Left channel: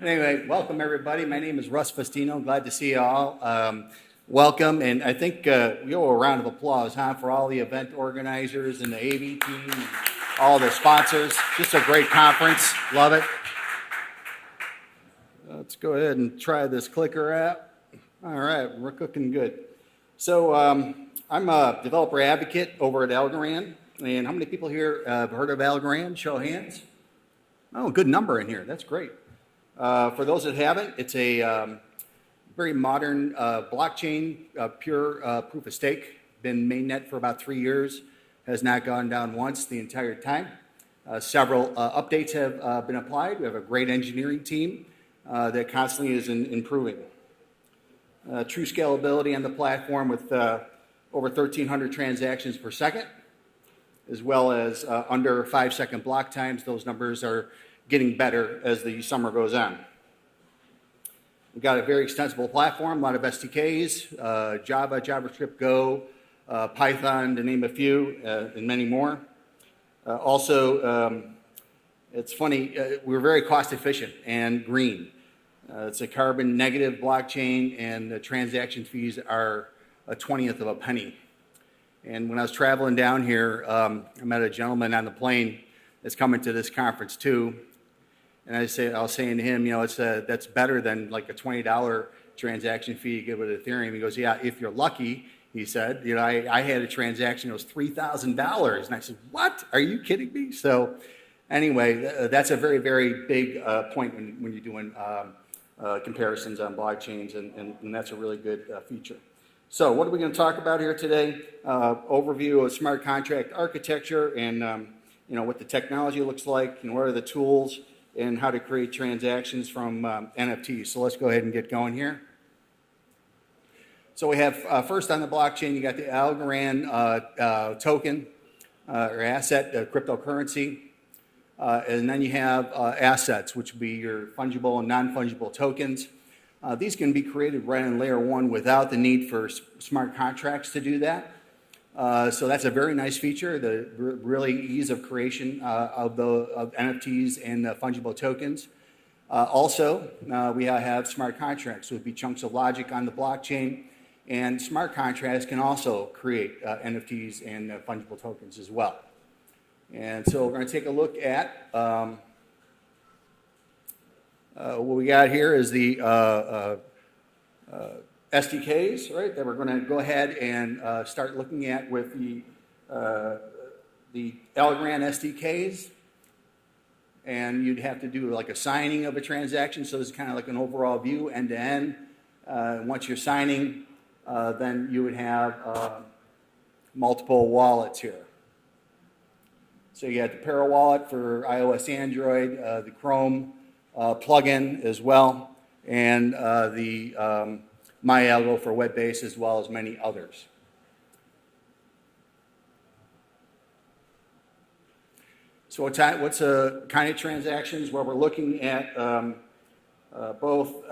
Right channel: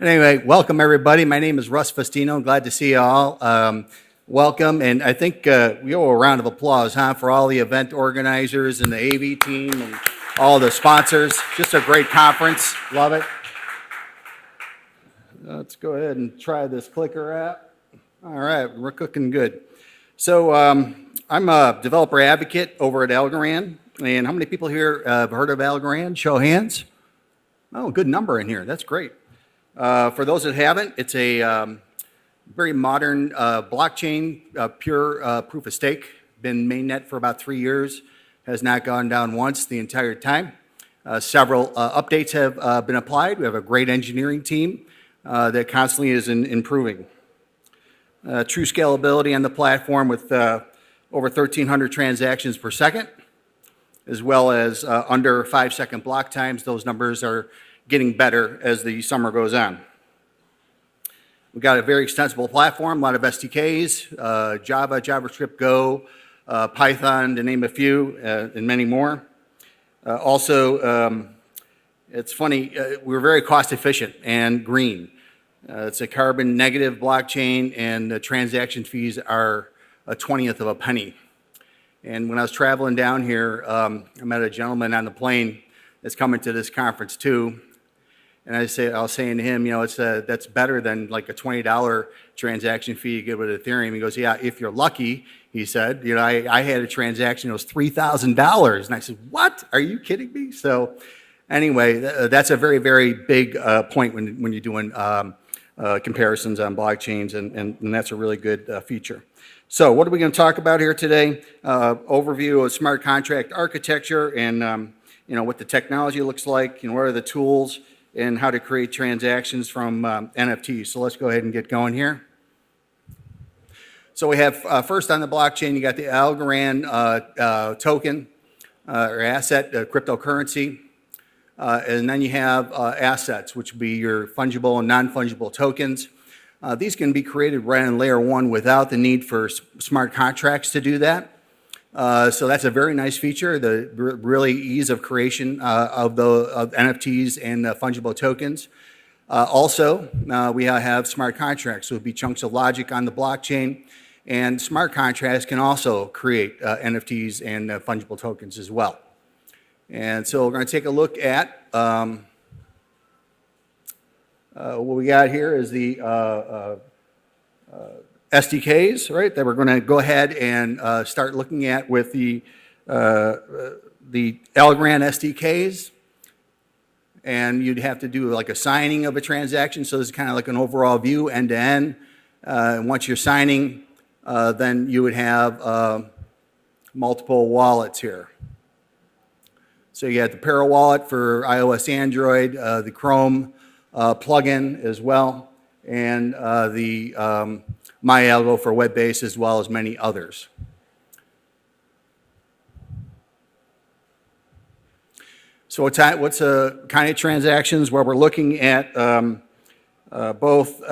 Anyway, welcome everybody. My name is Russ Fustino. Glad to see you all. Welcome, and I think we owe a round of applause, for all the event organizers and the AV team and all the sponsors. Just a great conference. Love it. Let's go ahead and try this clicker app. All right, we're cooking good. So I'm a developer advocate over at Algorand. And how many people here have heard of Algorand? Show of hands. Oh, good number in here. That's great. For those that haven't, it's a very modern blockchain, pure proof of stake. Been mainnet for about 3 years. Has not gone down once the entire time. Several updates have been applied. We have a great engineering team that constantly is improving. True scalability on the platform with over 1,300 transactions per second, as well as under 5-second block times. Those numbers are getting better as the summer goes on. We've got a very extensible platform, a lot of SDKs, Java, JavaScript, Go, Python, to name a few, and many more. Also, it's funny, we're very cost efficient and green. It's a carbon negative blockchain, and the transaction fees are a 1/20th of a penny. And when I was traveling down here, I met a gentleman on the plane that's coming to this conference too. And I was saying to him, that's better than like a $20 transaction fee you get with Ethereum. He goes, yeah, if you're lucky, he said. I had a transaction, it was $3,000. And I said, what? Are you kidding me? So anyway, that's a very, very big point when you're doing comparisons on blockchains, and that's a really good feature. So what are we going to talk about here today? Overview of smart contract architecture and what the technology looks like, what are the tools, and how to create transactions from NFTs. So let's go ahead and get going here. So we have first on the blockchain, you got the Algorand token or asset, cryptocurrency. And then you have assets, which would be your fungible and non-fungible tokens. These can be created right in layer one without the need for smart contracts to do that. So that's a very nice feature, the really ease of creation of NFTs and fungible tokens. Also, we have smart contracts, so it would be chunks of logic on the blockchain. And smart contracts can also create NFTs and fungible tokens as well. And so we're going to take a look at what we got here is the SDKs, right, that we're going to go ahead and start looking at with the Algorand SDKs. And you'd have to do like a signing of a transaction. So this is kind of like an overall view, end to end. And once you're signing, then you would have multiple wallets here. So you have the Para wallet for iOS, Android, the Chrome plugin as well, and the MyAlgo for web-based, as well as many others. So what's kind of transactions? Well, we're looking at both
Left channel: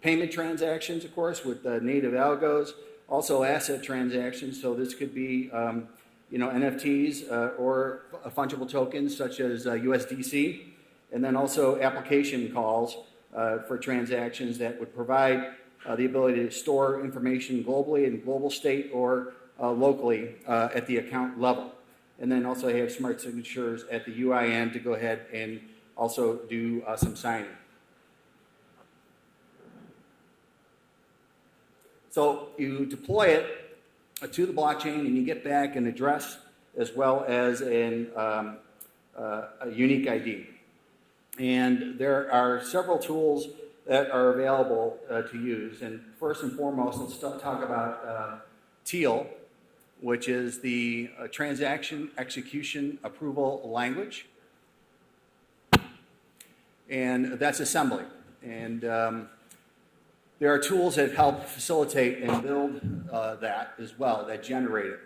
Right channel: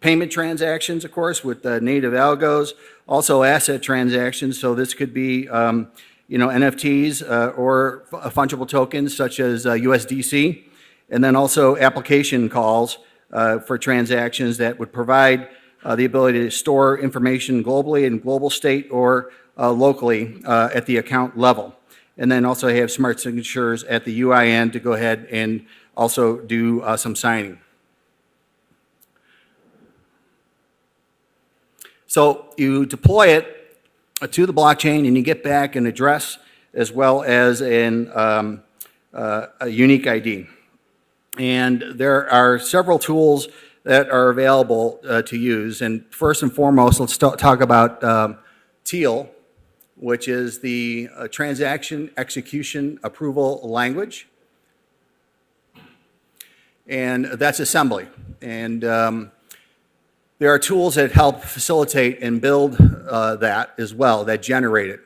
payment transactions, of course, with native algos, also asset transactions. So this could be NFTs or fungible tokens such as USDC, and then also application calls for transactions that would provide the ability to store information globally in global state or locally at the account level. And then also have smart signatures at the UIN to go ahead and also do some signing. So you deploy it to the blockchain, and you get back an address as well as a unique ID. And there are several tools that are available to use. And first and foremost, let's talk about TEAL, which is the Transaction Execution Approval Language. And that's assembly. And there are tools that help facilitate and build that as well, that generate it.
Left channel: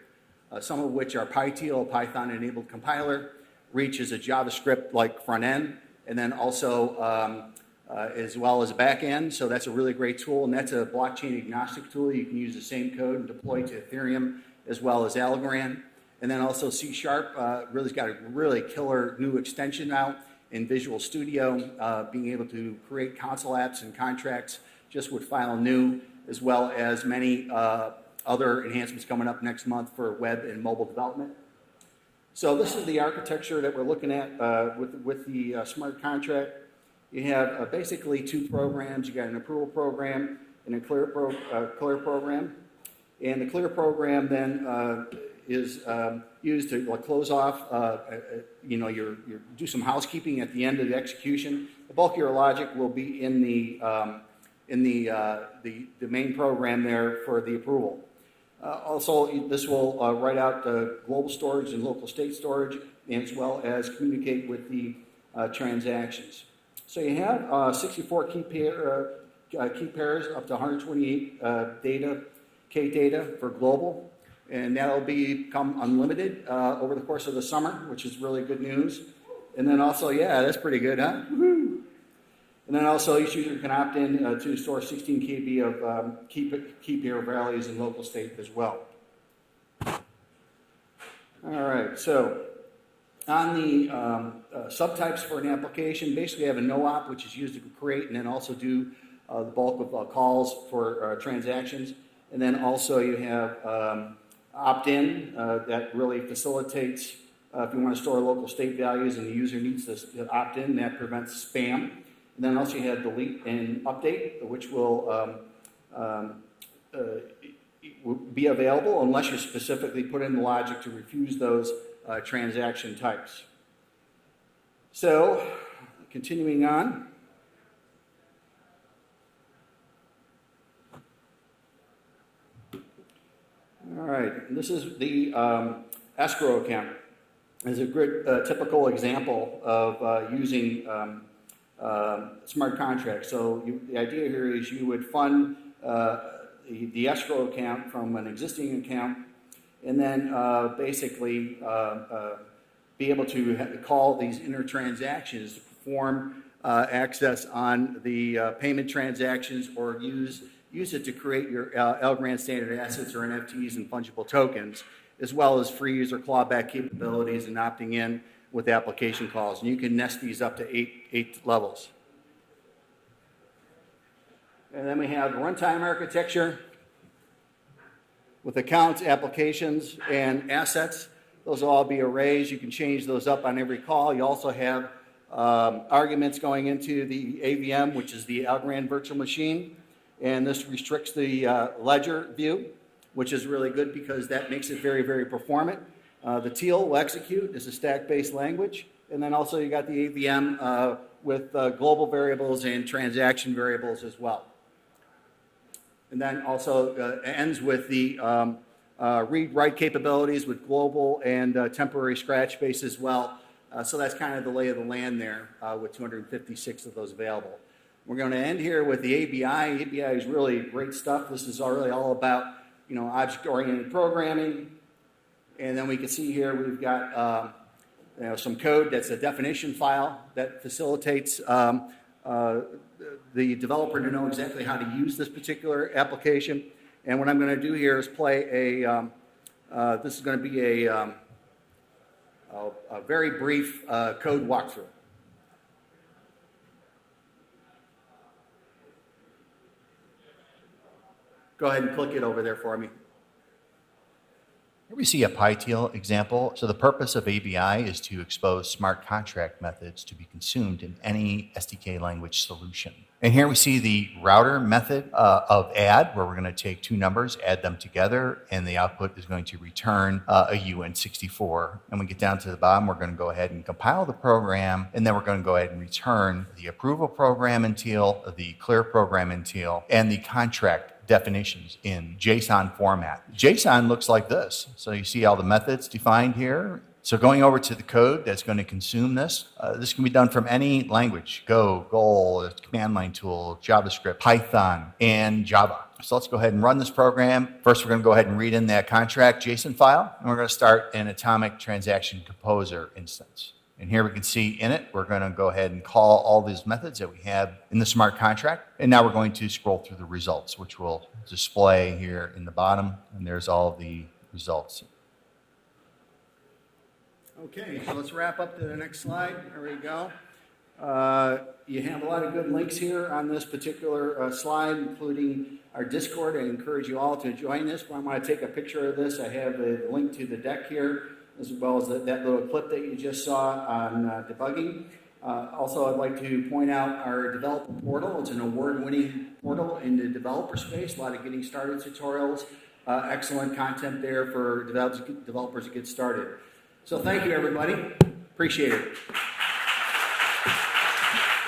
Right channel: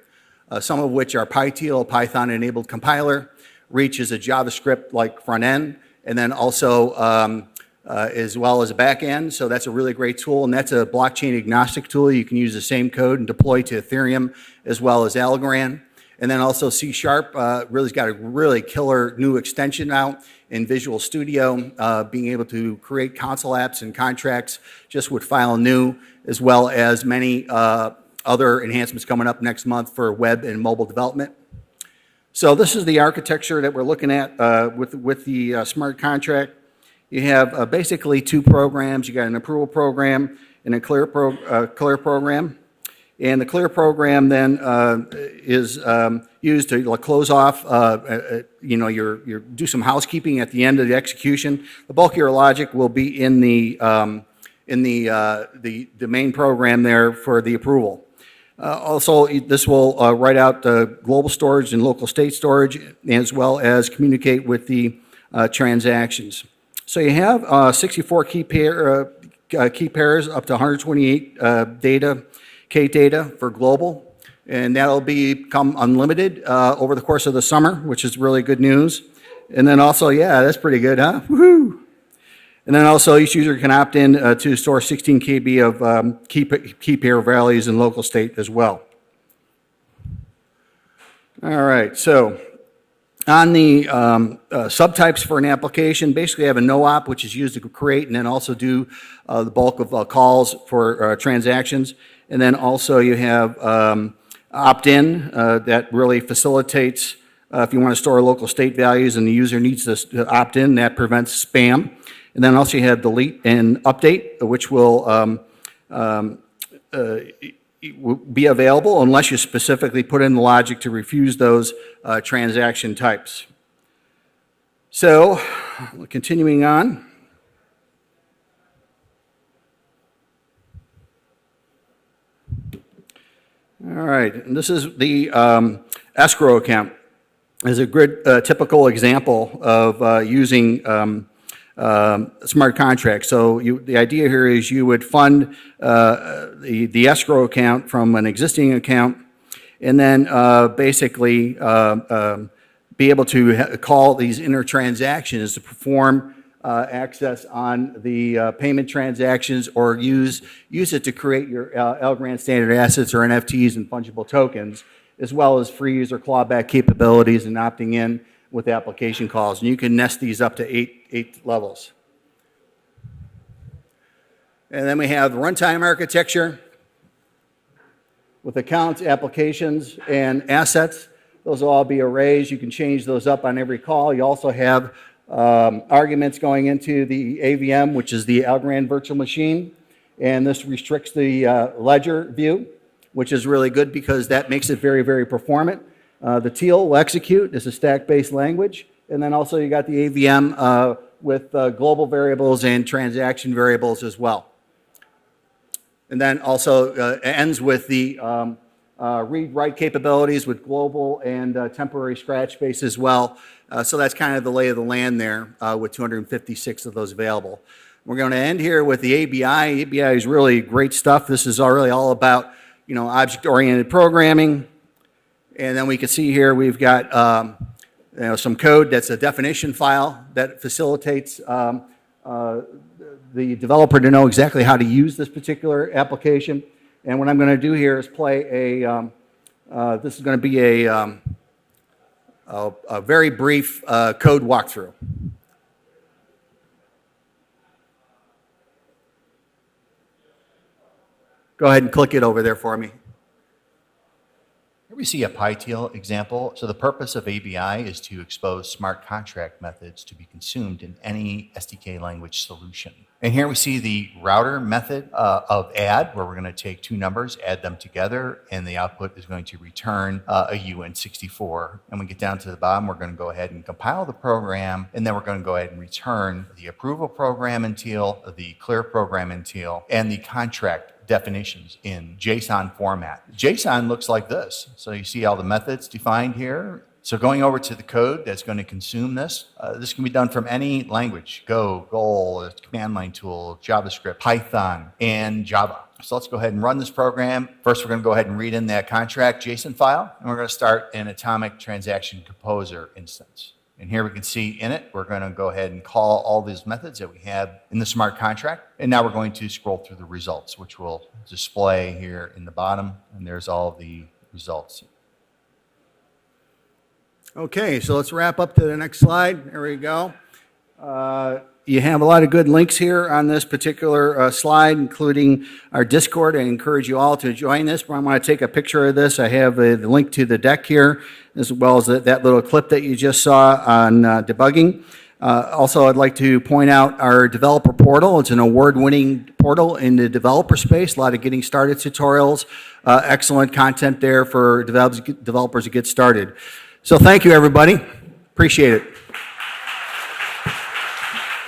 Some of which are PyTeal, Python-enabled compiler. Reach is a JavaScript-like front end, and then also as well as a back end. So that's a really great tool, and that's a blockchain agnostic tool. You can use the same code and deploy to Ethereum as well as Algorand. And then also C# really's got a really killer new extension out in Visual Studio, being able to create console apps and contracts just with file new, as well as many other enhancements coming up next month for web and mobile development. So this is the architecture that we're looking at with the smart contract. You have basically two programs. You got an approval program and a clear program. And the clear program then is used to close off, do some housekeeping at the end of the execution. The bulk of your logic will be in the main program there for the approval. Also, this will write out the global storage and local state storage, as well as communicate with the transactions. So you have 64 key pairs up to 128 data for global, and that'll become unlimited over the course of the summer, which is really good news. And then also, yeah, that's pretty good, huh? Woohoo! And then also, each user can opt in to store 16 KB of key pair values in local state as well. All right, so on the subtypes for an application, basically you have a no-op, which is used to create and then also do the bulk of calls for transactions. And then also you have opt-in that really facilitates if you want to store local state values and the user needs to opt in, that prevents spam. And then also you have delete and update, which will be available unless you specifically put in the logic to refuse those transaction types. So, continuing on. All right, and this is the escrow account. It's a good typical example of using smart contracts. So the idea here is you would fund the escrow account from an existing account, and then basically be able to call these inter-transactions to perform access on the payment transactions, or use it to create your Algorand standard assets or NFTs and fungible tokens, as well as freeze or clawback capabilities and opting in with application calls. And you can nest these up to eight levels. And then we have runtime architecture with accounts, applications, and assets. Those will all be arrays. You can change those up on every call. You also have arguments going into the AVM, which is the Algorand virtual machine. And this restricts the ledger view, which is really good because that makes it very, very performant. The teal will execute. It's a stack-based language. And then also you got the AVM with global variables and transaction variables as well. And then also ends with the read-write capabilities with global and temporary scratch space as well. So that's kind of the lay of the land there with 256 of those available. We're going to end here with the ABI. ABI is really great stuff. This is really all about, object-oriented programming. And then we can see here we've got some code that's a definition file that facilitates the developer to know exactly how to use this particular application. And what I'm going to do here is play this is going to be a very brief code walkthrough. Go ahead and click it over there for me. Here we see a PyTeal example. So the purpose of ABI is to expose smart contract methods to be consumed in any SDK language solution. And here we see the router method of add, where we're going to take two numbers, add them together, and the output is going to return a UN64. And we get down to the bottom, we're going to go ahead and compile the program, and then we're going to go ahead and return the approval program in teal, the clear program in teal, and the contract definitions in JSON format. JSON looks like this. So you see all the methods defined here. So going over to the code that's going to consume this, this can be done from any language: Go, Goal, command line tool, JavaScript, Python, and Java. So let's go ahead and run this program. First, we're going to go ahead and read in that contract JSON file, and we're going to start an atomic transaction composer instance. And here we can see in it, we're going to go ahead and call all these methods that we have in the smart contract. And now we're going to scroll through the results, which will display here in the bottom. And there's all the results. Okay, so let's wrap up to the next slide. There we go. You have a lot of good links here on this particular slide, including our Discord. I encourage you all to join this. I want to take a picture of this. I have the link to the deck here, as well as that little clip that you just saw on debugging. Also, I'd like to point out our developer portal. It's an award-winning portal in the developer space. A lot of getting started tutorials, excellent content there for developers to get started. So thank you, everybody. Appreciate it.